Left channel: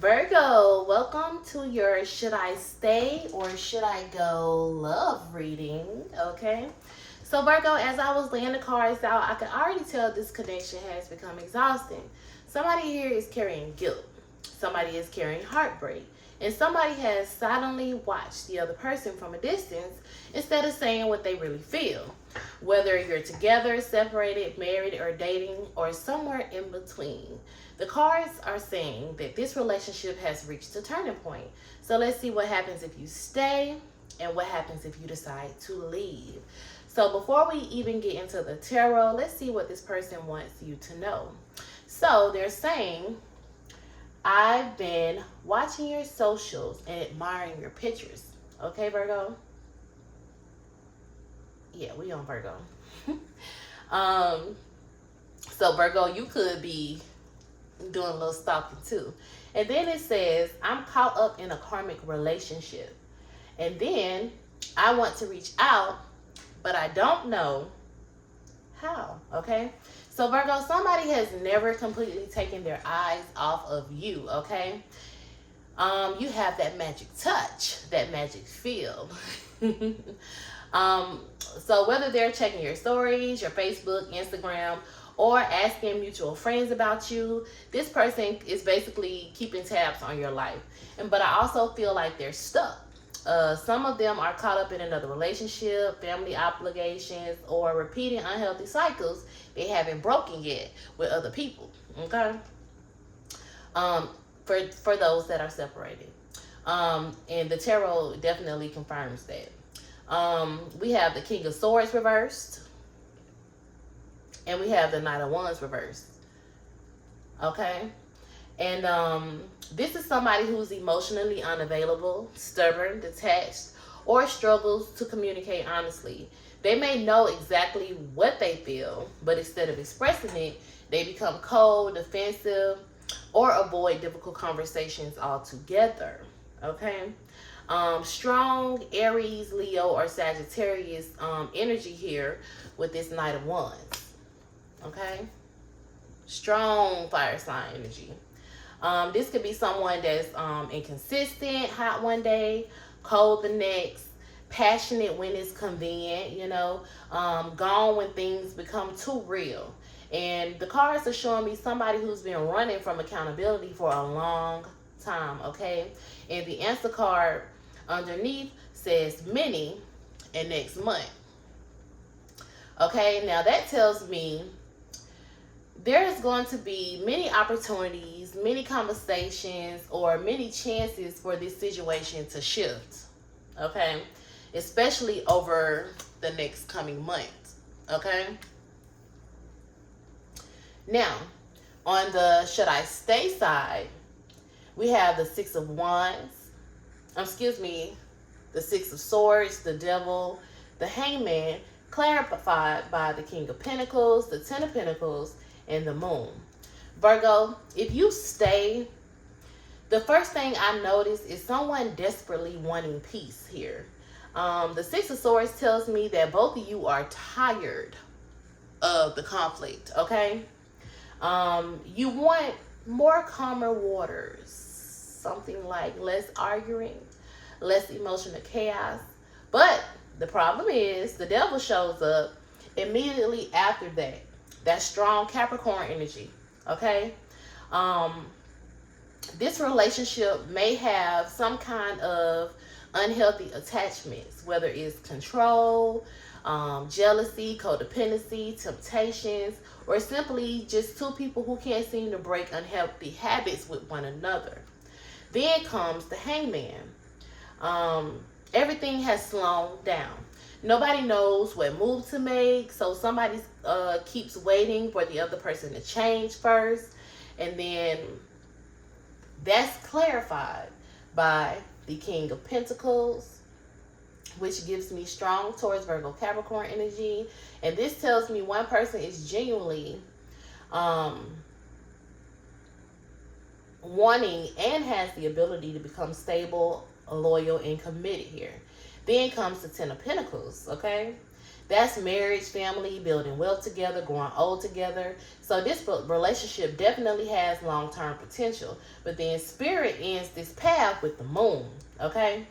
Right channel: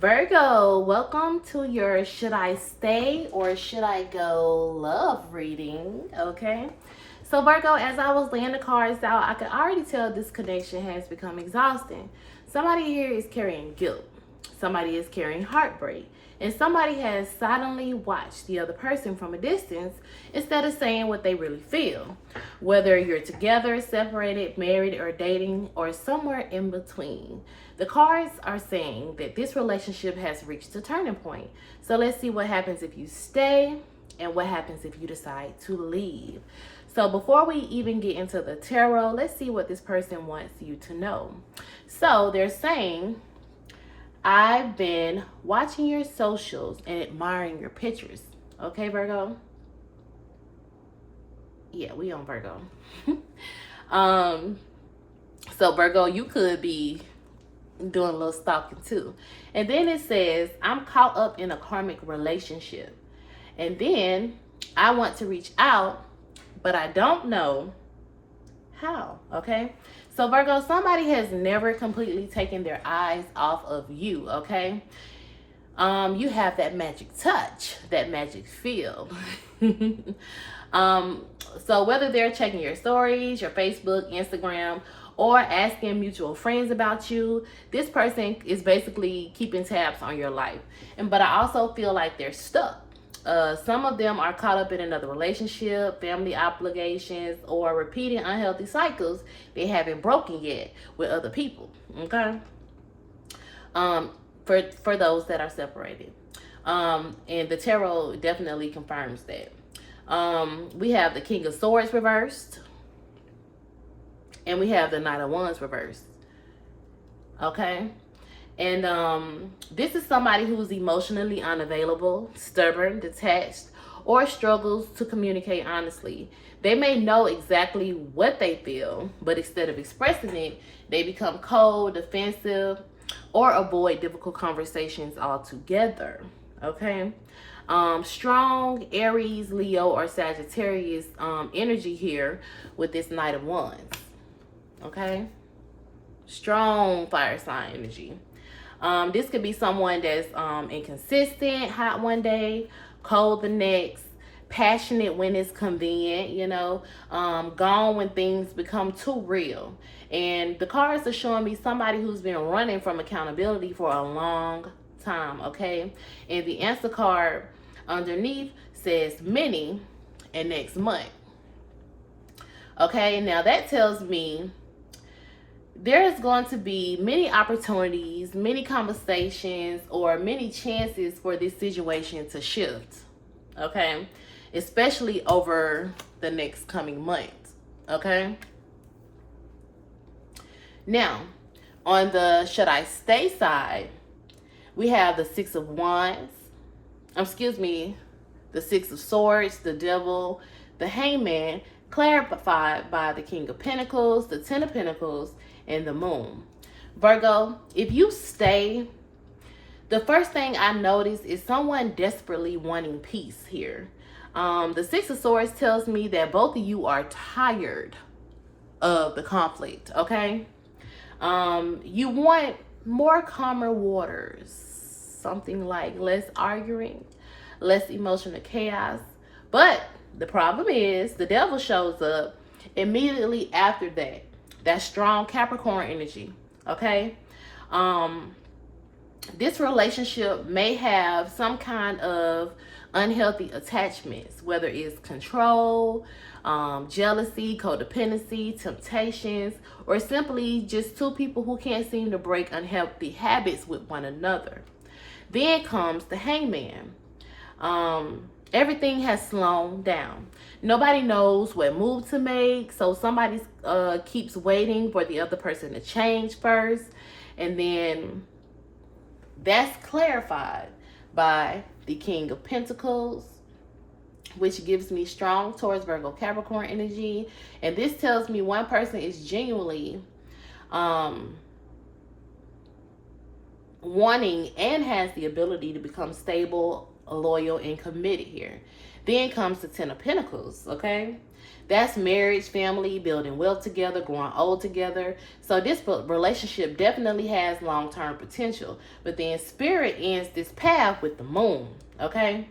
Virgo, welcome to your Should I Stay or Should I Go love reading. Okay. So, Virgo, as I was laying the cards out, I could already tell this connection has become exhausting. Somebody here is carrying guilt, somebody is carrying heartbreak, and somebody has silently watched the other person from a distance instead of saying what they really feel. Whether you're together, separated, married, or dating, or somewhere in between. The cards are saying that this relationship has reached a turning point. So let's see what happens if you stay and what happens if you decide to leave. So before we even get into the tarot, let's see what this person wants you to know. So they're saying, I've been watching your socials and admiring your pictures. Okay, Virgo? Yeah, we on Virgo. um, so Virgo, you could be doing a little stalking too. And then it says, I'm caught up in a karmic relationship. And then I want to reach out, but I don't know how. Okay? So Virgo, somebody has never completely taken their eyes off of you, okay? You have that magic touch, that magic feel. So whether they're checking your stories, your Facebook, Instagram, or asking mutual friends about you, this person is basically keeping tabs on your life. But I also feel like they're stuck. Some of them are caught up in another relationship, family obligations, or repeating unhealthy cycles they haven't broken yet with other people. Okay. For those that are separated, and the tarot definitely confirms that. We have the King of Swords reversed, and we have the Knight of Wands reversed. Okay. And this is somebody who's emotionally unavailable, stubborn, detached, or struggles to communicate honestly. They may know exactly what they feel, but instead of expressing it, they become cold, defensive, or avoid difficult conversations altogether. Okay? Strong Aries, Leo, or Sagittarius energy here with this Knight of Wands. Okay? Strong fire sign energy. This could be someone that's inconsistent, hot one day, cold the next, passionate when it's convenient, gone when things become too real. And the cards are showing me somebody who's been running from accountability for a long time, okay? And the answer card underneath says many and next month. Okay, now that tells me there's going to be many opportunities, many conversations, or many chances for this situation to shift. Okay? Especially over the next coming months. Okay? Now, on the should I stay side, we have the Six of Wands. The Six of Swords, the Devil, the Hangman, clarified by the King of Pentacles, the Ten of Pentacles, and the Moon. Virgo, if you stay, the first thing I notice is someone desperately wanting peace here. The Six of Swords tells me that both of you are tired of the conflict, okay? You want more calmer waters, something like less arguing, less emotional chaos. But the problem is the Devil shows up immediately after that. That strong Capricorn energy, okay? This relationship may have some kind of unhealthy attachments, whether it's control, jealousy, codependency, temptations, or simply just two people who can't seem to break unhealthy habits with one another. Then comes the Hangman. Everything has slowed down. Nobody knows what move to make, so somebody keeps waiting for the other person to change first, and then that's clarified by the King of Pentacles, which gives me strong Taurus, Virgo, Capricorn energy, and this tells me one person is genuinely wanting and has the ability to become stable, loyal, and committed here. Then comes the Ten of Pentacles, okay? That's marriage, family, building wealth together, growing old together. So this relationship definitely has long-term potential. But then Spirit ends this path with the moon. Okay?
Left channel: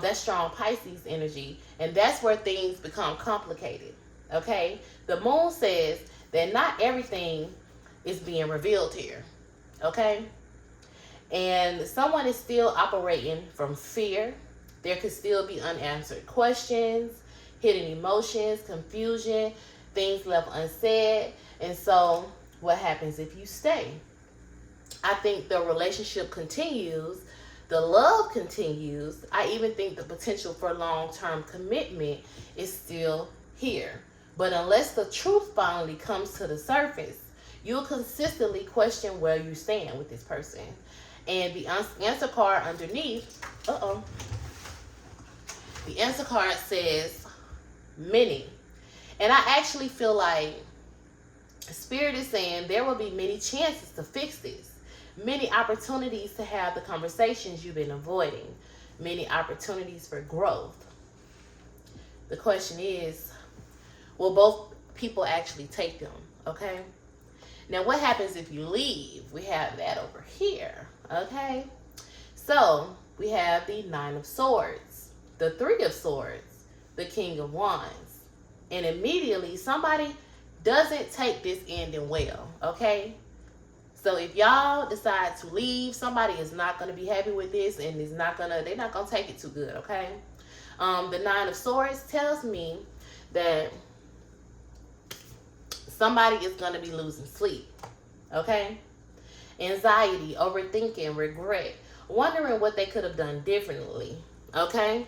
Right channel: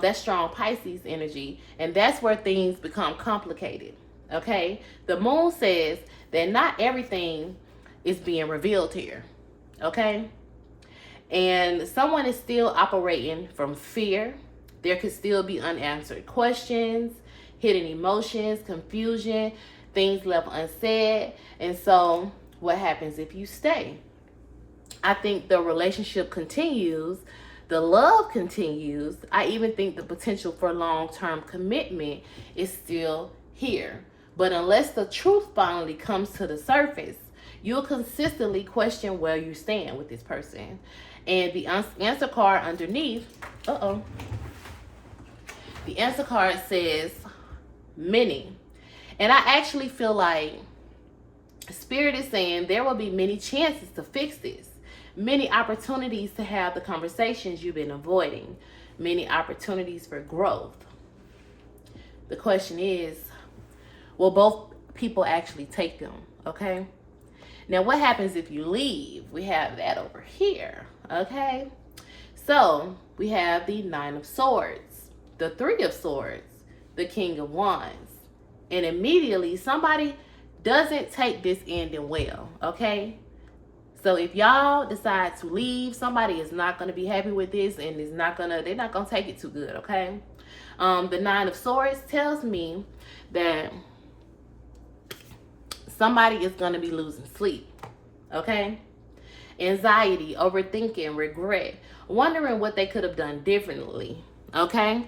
That's strong Pisces energy. And that's where things become complicated. Okay? The moon says that not everything is being revealed here. Okay? And someone is still operating from fear. There could still be unanswered questions, hidden emotions, confusion, things left unsaid. And so, what happens if you stay? I think the relationship continues, the love continues. I even think the potential for long-term commitment is still here. But unless the truth finally comes to the surface, you'll consistently question where you stand with this person. And the answer card underneath, the answer card says many. And I actually feel like Spirit is saying there will be many chances to fix this, many opportunities to have the conversations you've been avoiding, many opportunities for growth. The question is, will both people actually take them? Okay. Now, what happens if you leave? We have that over here. Okay. So we have the Nine of Swords, the Three of Swords, the King of Wands, and immediately somebody doesn't take this ending well. Okay. So if y'all decide to leave, somebody is not going to be happy with this, and they're not going to take it too good. Okay. The Nine of Swords tells me that somebody is going to be losing sleep. Okay. Anxiety, overthinking, regret, wondering what they could have done differently. Okay.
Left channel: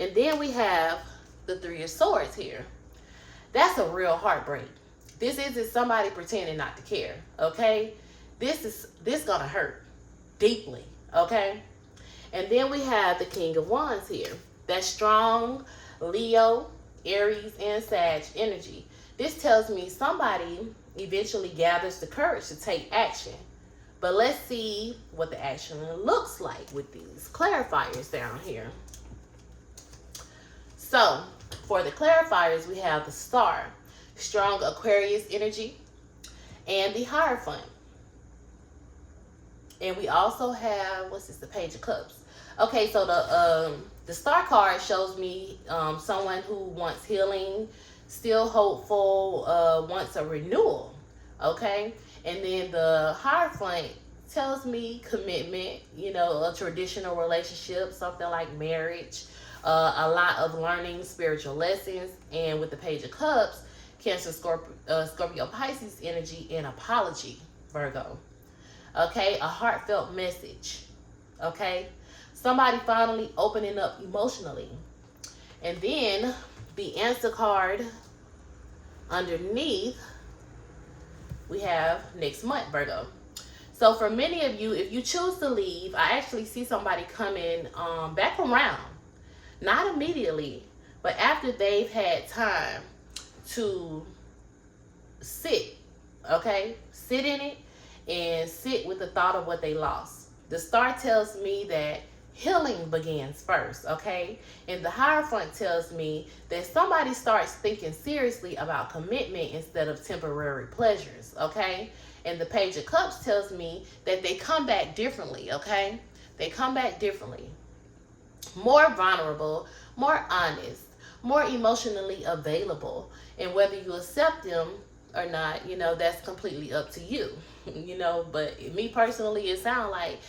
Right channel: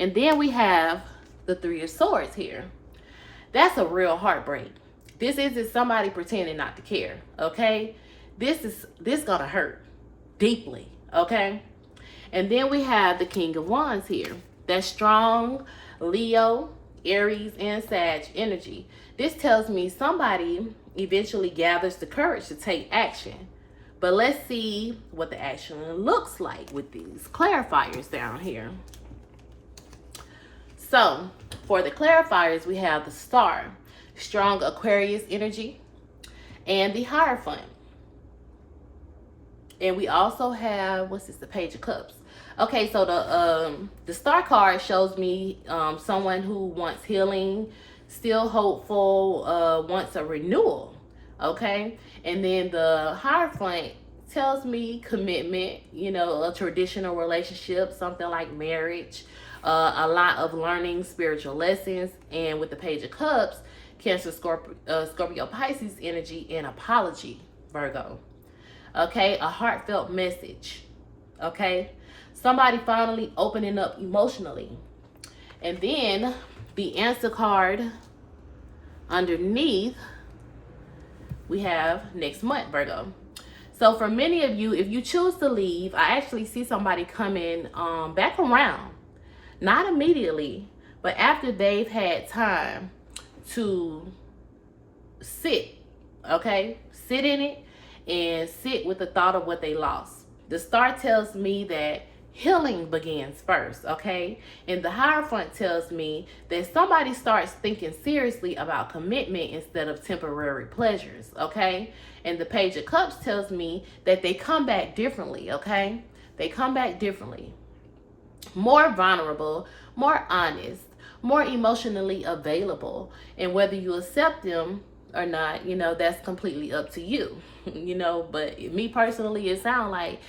And then we have the Three of Swords here. That's a real heartbreak. This isn't somebody pretending not to care. Okay. This gonna hurt deeply. Okay. And then we have the King of Wands here. That's strong Leo, Aries, and Sag energy. This tells me somebody eventually gathers the courage to take action. But let's see what the action looks like with these clarifiers down here. So, for the clarifiers, we have the Star, strong Aquarius energy, and the Hierophant. And we also have, the Page of Cups. Okay, so the Star card shows me someone who wants healing, still hopeful, wants a renewal. Okay, and then the Hierophant tells me commitment, a traditional relationship, something like marriage, a lot of learning spiritual lessons. And with the Page of Cups, Cancer, Scorpio, Pisces energy, and apology, Virgo. Okay, a heartfelt message. Okay, somebody finally opening up emotionally. And then the answer card underneath, we have next month, Virgo. So for many of you, if you choose to leave, I actually see somebody coming back around. Not immediately, but after they've had time to sit, okay? Sit in it and sit with the thought of what they lost. The Star tells me that healing begins first, okay? And the Hierophant tells me that somebody starts thinking seriously about commitment instead of temporary pleasures, okay? And the Page of Cups tells me that they come back differently, okay? They come back differently. More vulnerable, more honest, more emotionally available. And whether you accept them or not, that's completely up to you, But me personally, it sounds like,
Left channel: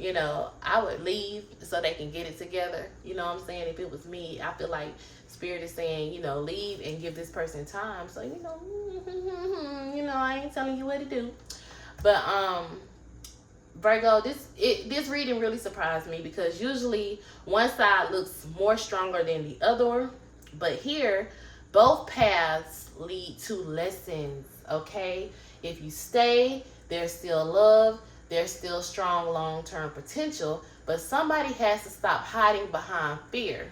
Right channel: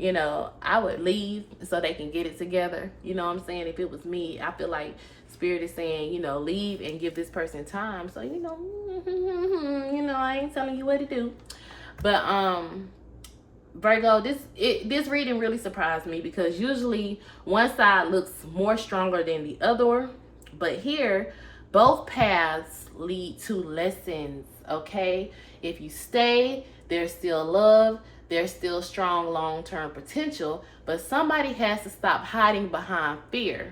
I would leave so they can get it together. You know what I'm saying? If it was me, I feel like Spirit is saying, leave and give this person time. So, I ain't telling you what to do. But, Virgo, this reading really surprised me because usually one side looks more stronger than the other. But here, both paths lead to lessons, okay? If you stay, there's still love. There's still strong long-term potential, but somebody has to stop hiding behind fear,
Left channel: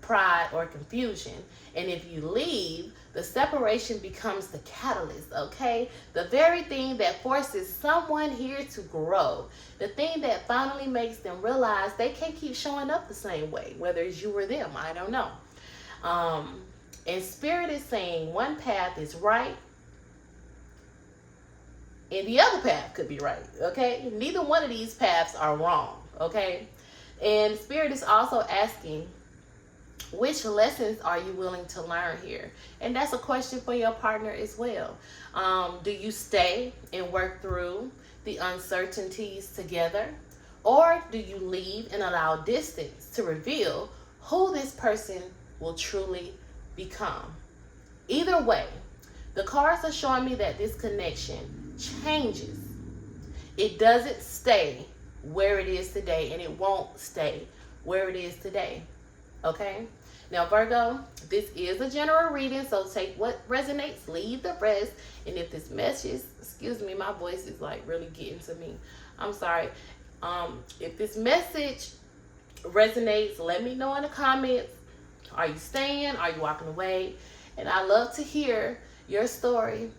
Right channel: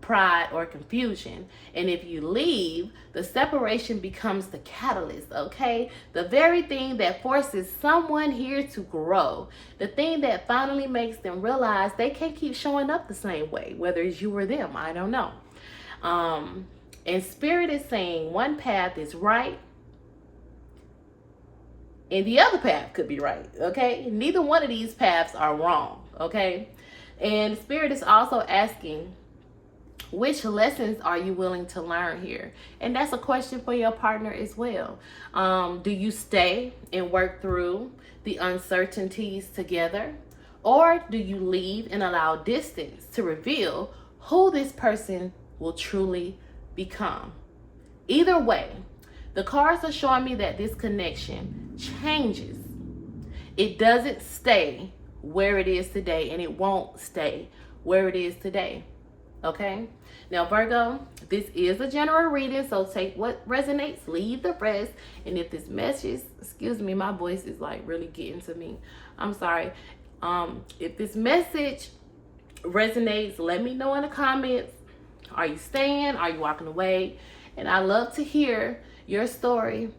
pride, or confusion. And if you leave, the separation becomes the catalyst, okay? The very thing that forces someone here to grow. The thing that finally makes them realize they can't keep showing up the same way, whether it's you or them, I don't know. And Spirit is saying one path is right and the other path could be right, okay? Neither one of these paths are wrong, okay? And Spirit is also asking, which lessons are you willing to learn here? And that's a question for your partner as well. Do you stay and work through the uncertainties together? Or do you leave and allow distance to reveal who this person will truly become? Either way, the cards are showing me that this connection changes. It doesn't stay where it is today, and it won't stay where it is today. Okay? Now, Virgo, this is a general reading, so take what resonates, leave the rest. And if this message, excuse me, my voice is like really getting to me. I'm sorry. If this message resonates, let me know in the comments. Are you staying? Are you walking away? And I love to hear your story.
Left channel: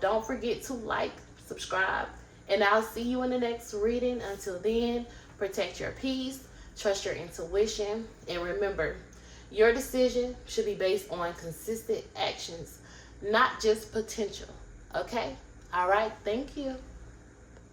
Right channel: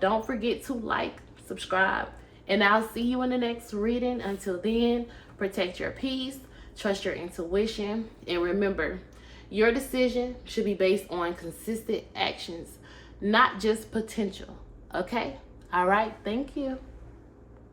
Don't forget to like, subscribe, and I'll see you in the next reading. Until then, protect your peace, trust your intuition, and remember, your decision should be based on consistent actions, not just potential. Okay? All right. Thank you.